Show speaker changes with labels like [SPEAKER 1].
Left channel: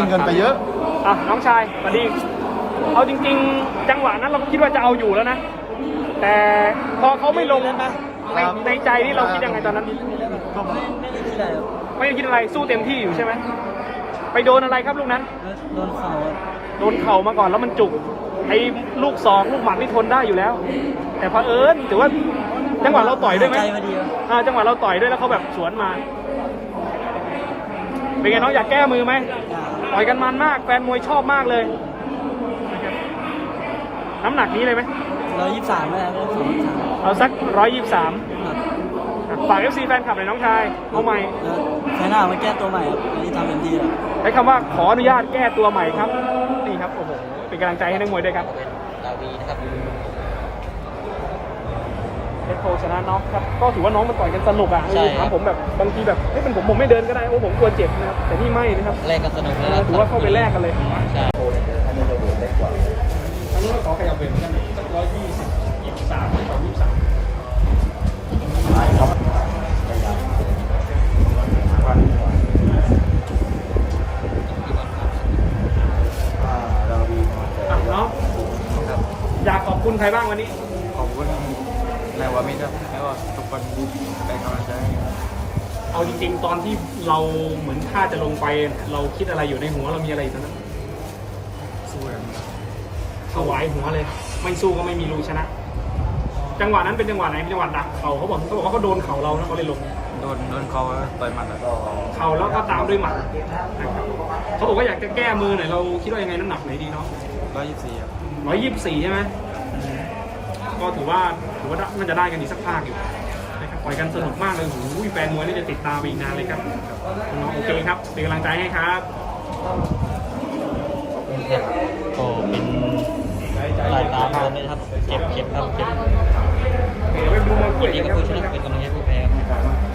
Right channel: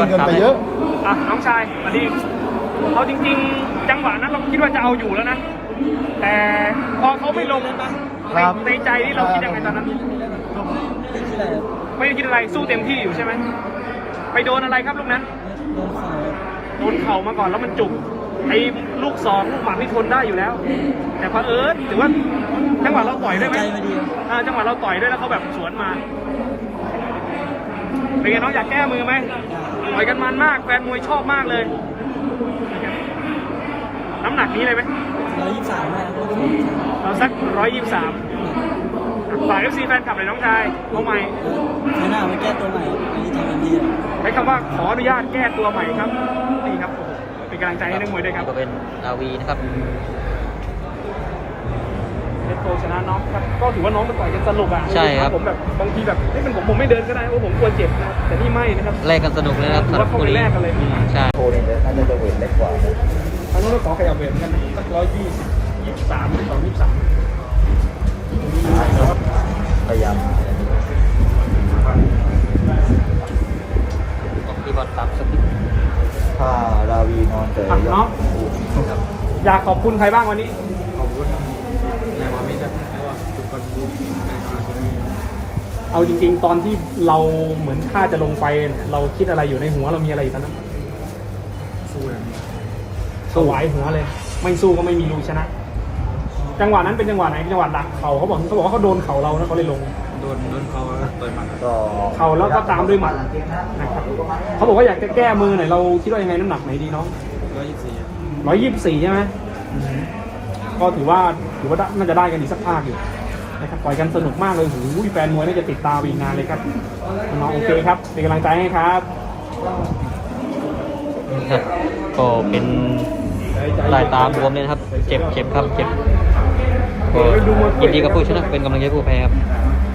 [SPEAKER 1] เงินไปเยอะ
[SPEAKER 2] น้องชายสวัสดีเอาจริงๆจังหวะนั้นเราคิดว่าจะเอาอยู่แล้วนะแต่พอเขาไม่ลงนะในใจที่เราคิดยังไงตอนนั้นไม่คิดอะไรสู้เต็มที่อยู่ใช่ไหมไปโดนอะไรครับลูกนั้น
[SPEAKER 3] โดนเข่า
[SPEAKER 2] มาก่อนแล้วมันจุกไอ้ลูกสองลูกหมัดที่ทนได้อยู่แล้วแต่พอถือว่าจังหวะเราต่อยด้วยไหมจังหวะเราต่อยด้วยแล้วเขาแบบสวนมาเป็นไงน้องอยากแก้มือไหมต่อยกันมันมากแฟนมวยชอบมากเลยน้ำหนักนี้เลยไหม
[SPEAKER 3] 123นะ
[SPEAKER 2] เราสัก123ฝาก FC แฟนคลับหน่อยน้องชายตัวใหม่
[SPEAKER 3] ไม่น่ามาแก้ตัวใหม่อันนี้ทำเป็นที่
[SPEAKER 2] ใช้คำว่าขออนุญาตแก้ตัวใหม่ครับนี่ครับเป็นกำลังใจให้นักมวยด้วยครับ
[SPEAKER 4] ก็เป็นดาวีนะครับ
[SPEAKER 2] เป็นโคชนะน้องครับก็ถือว่าน้องมาต่อยกันสนุกอ่ะ
[SPEAKER 4] ใช่ครับ
[SPEAKER 2] ผมแบบบางทีแบบถ้าเป็นผมไม่เดินก็ได้เพราะผมกลัวเจ็บนะครับแต่นี่ไม่นะครับ
[SPEAKER 4] แลกกันสนุกเลยนะครับ
[SPEAKER 2] แล้วเข้าไปแลกกันเลย
[SPEAKER 4] ใช่
[SPEAKER 2] เขาต้องขอขยับเป็นกัน123
[SPEAKER 4] ที่บอลครับ
[SPEAKER 1] ราวีมองเกิด
[SPEAKER 2] น้องอยากขอบคุณใครบ้างวันนี้
[SPEAKER 4] ขอบคุณในวามิครับแล้วก็ทุกคนในตอนนี้
[SPEAKER 2] เอาจริงๆตอนที่เราเหมือนท่าจะลงไปเราคิดอะไรอยู่ในหัวเรามีอะไรตอนนั้น
[SPEAKER 4] สู้นะ
[SPEAKER 2] ถวายหัวเลยไม่สู้ก็ไม่มีลุยชนะจังหวะนั้นเป็นจังหวะไหนจังหวะดักเขาบอกว่าเขาโดนเข่าเราแล้วเขาเลยลง
[SPEAKER 4] โดนเขาต่อยหมัด
[SPEAKER 2] เข่าแล้วก็ตามด้วยหมัดเขาบอกว่าอยากจะแก้มือหน่อยเราคิดว่ายังไงน้ำหนักไหนดีน้อง124ใช่ไหมก็ถือว่าน่าจะได้กันอีกสักภาคอยู่นะครับปล่อยกันสนุกมากเลยหูยแฟนมวยน่าจะติดตามอีกนานเลยครับน้องโอเคครับเป็นกำลังใจให้ครับ
[SPEAKER 4] ก็เป็นสายตามรวมเลยครับเจ็บครับเจ็บก็ยินดีกับผู้ชนะเป็นกำลังใจผู้แพ้ครับ